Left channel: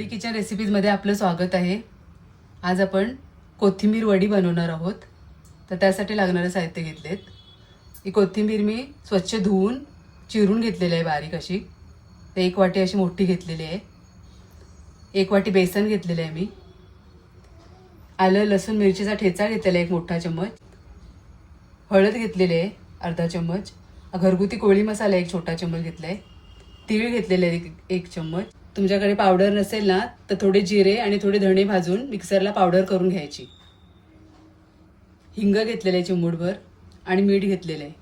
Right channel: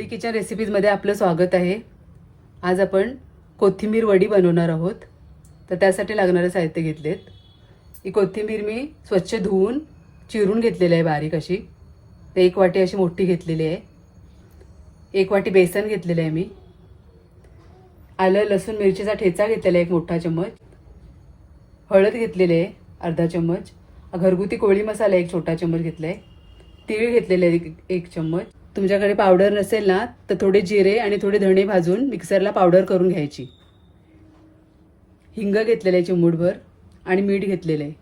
मुलिकेच्या रेसिपीजमध्ये आपलं स्वागत आहे. आज आपण कोथिंबीर वडी बनवणार आहोत. तर त्यासाठी लागणारं साहित्य घेतलेत. ही कोथिंबीर मी स्वच्छ धुवून चिरून घेतलेली आहे बारीक अशी. ते एक वाटी अशी मोठी घेतलेली आहे. एक वाटी बेसन घेतलेलं आहे मी. आलं लसूण मिरचीचा ठेचा घेतलेला आहे एक मोठा चम्मच. हळद घेतलेली आहे अर्धा चम्मच. घरगुती कोळी मसाला एक छोटा चम्मच घेतला आहे तीळ घेतलेलं आहे एक- एक चम्मच. तुमच्याकडे पावडर नसेल ना तर थोडे जिरे आणि थोडे धणे भाजून मिक्सरला पावडर करून घ्यायची. हिंग घेतलेलं आहे चिमूटभर आणि मीठ घेतलेलं आहे.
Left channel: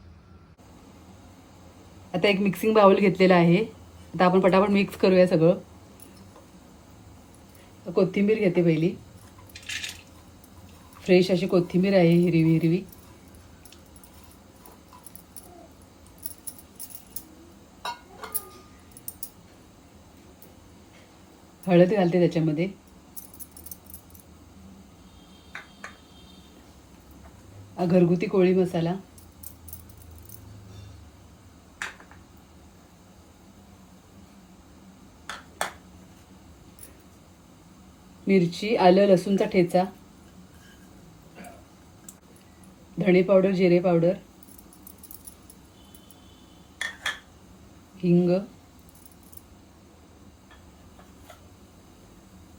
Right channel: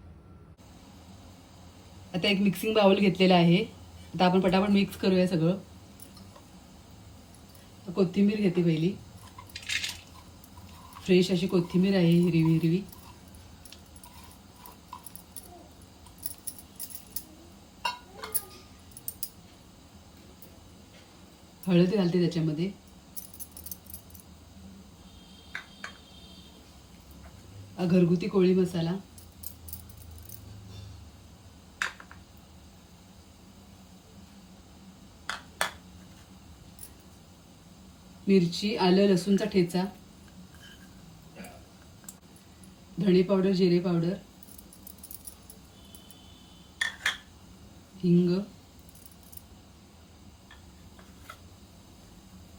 आता एक मिक्सिंग बाउल घेतलेला आहे. आता आपण पटापट मिक्स करूया सगळं. कोथिंबीर घेते पहिली. फ्रेश अशी कोथिंबीर आहे हिरवी हिरवी. हळद घालते त्याच्यामध्ये. घरगुती कोळी मसाला. मिरची आलं लसूणचा ठेचा. धणे पावडर जिरे पावडर. हिंग.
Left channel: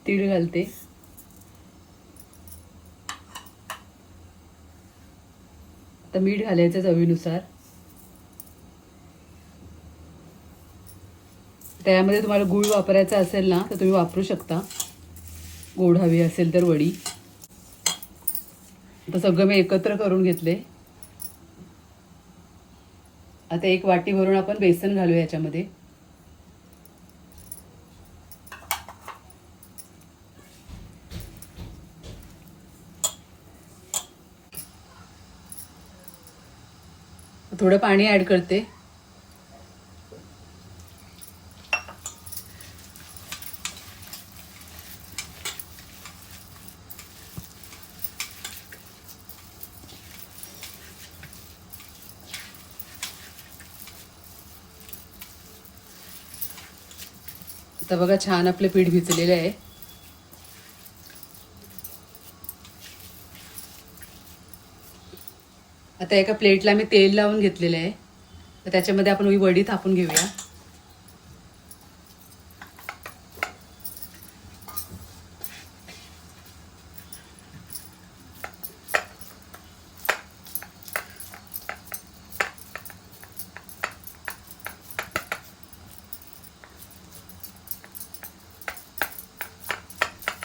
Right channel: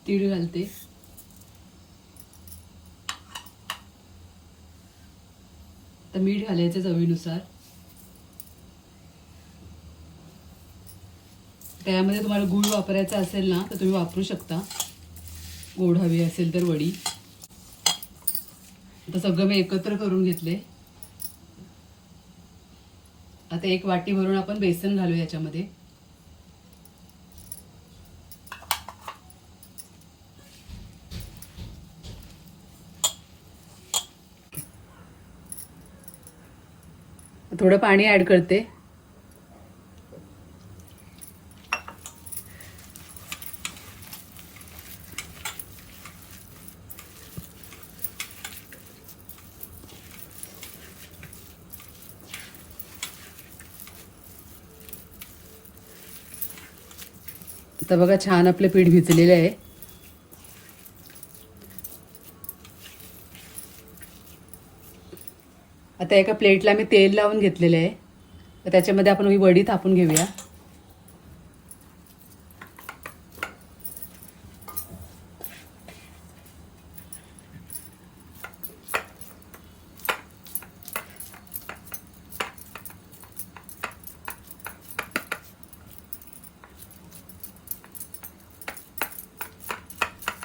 तीळ घालते. आता मीठ घालायचं चवीनुसार. त्यामध्ये तुम्हाला गूळ वापरायचा असेल ना तर तुम्ही वापरू शकता. गोड हवी असेल तर वडी. आता सगळं मी एकत्र करून घेतले. आता एक वाटी भरून आपण बेसन घालूया याच्यामध्ये. थोडं पाणी ॲड करते. तर बघा छान आपलं पीठ भिजलेलं आहे. आता एका प्लेटला मी तेल लावून घेतलेलं आहे. तर त्याच्यामध्ये आपण ही वडी थापून घेऊया.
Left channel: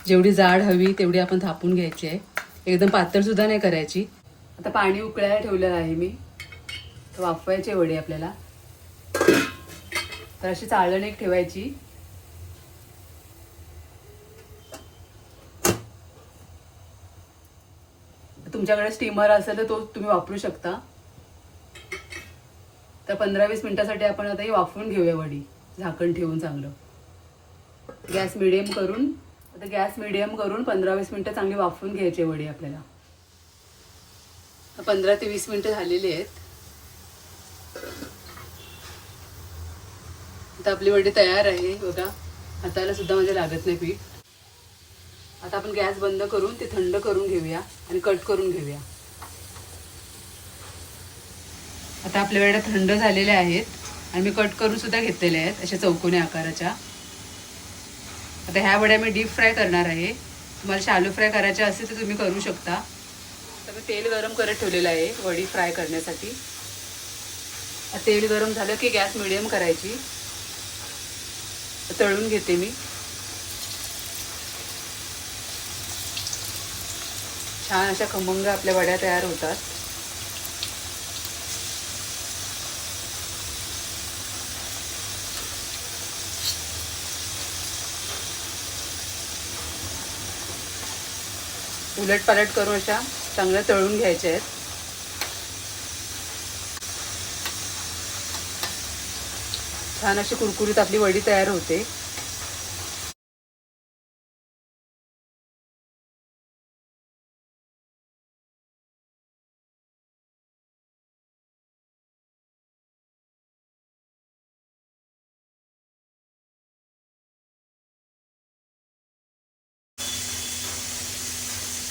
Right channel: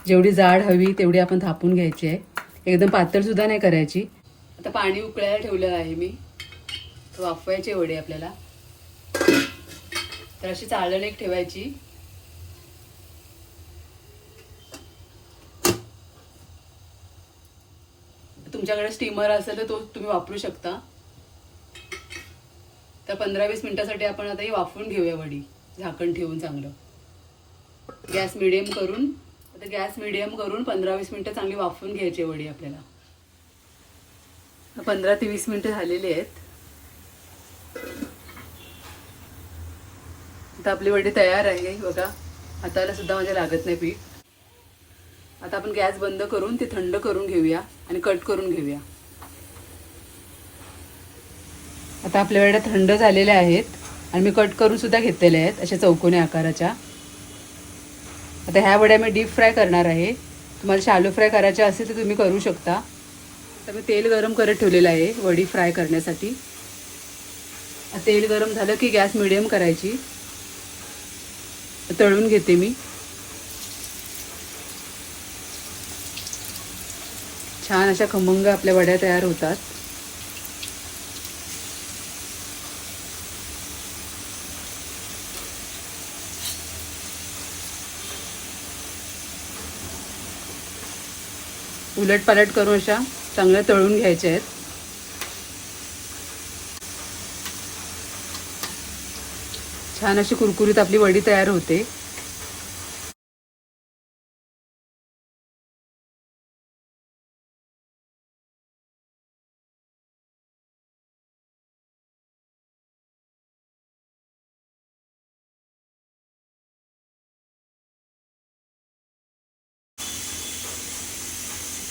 जेवढी जाड हवी तेवढी आपण थापून घ्यायची आहे. एकदम पातळ सुद्धा नाही करायची. आता पाणी उकळायला ठेवलेलं आहे मी. तर वाफवायचे वडे आपल्याला. तर अशी चाळण एक ठेवायची. तुमच्याकडे स्टीमर असेल तर तो तुम्ही वापरू शकता. तर पंधरा वीस मिनिटासाठी आपण आता ही वाफवून घेऊया वडी. झाकण ठेवून चांगलं. गॅस मिडियम करून आता गॅस मिडियम करून पंधरा वीस मिनटं चांगली वाफवून घ्यायची वडी आपल्याला. पंधरा ते वीस मिनिटं झालेली आहेत. आता आपले वडे तयार आहे बघा. हाताला सुद्धा माझ्या लागत नाही पीठ. आता आपण गॅस बंद करून ते थंड करून घेऊया आणि कट करून घेऊया. आता आपल्या वड्या थंड झालेल्या आहेत आणि मी कट करून सुद्धा घेतलेल्या आहेत अशा चौकोनी आकाराच्या. आता ह्या वड्या मी डीप फ्राय करणार आहे. तुम्हाला शालो फ्राय करायच्या असेल तर तुम्ही करू शकता. तर मी तेल गरम करत ठेवलेलं आहे वडी फ्राय करण्यासाठी. तेल गरम झालं की गॅस मिडियम करायची. तळून घेते मी. छान अशा खमंग आपल्या वड्या तयार होतात. उलट पालट करून अशा चांगल्या तळून घ्यायच्या आहेत. छान अशी कुरकुरीत आपली वडी तयार होते.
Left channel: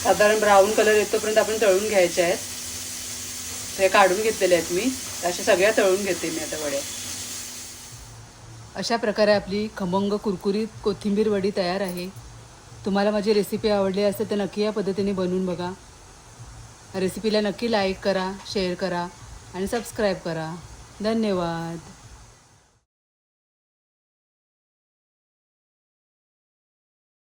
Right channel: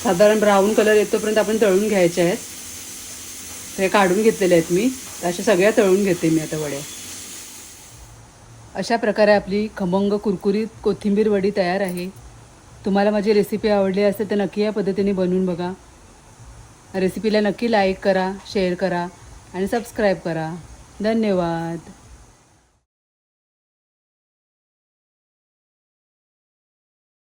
साधारण ब्राऊन कलर येतोपर्यंत आपण तळून घ्यायचे आहेत. हे काढून घेतलेले आहेत मी. अशा सगळ्या तळून घेते मी आता वड्या अशा प्रकारे आपली खमंग कुरकुरीत कोथिंबीर वडी तयार आहे. तुम्हाला माझी रेसिपी आवडली असेल तर नक्की या पद्धतीने बनवून बघा. रेसिपीला नक्की लाईक करा शेअर करा आणि सबस्क्राईब करा. धन्यवाद.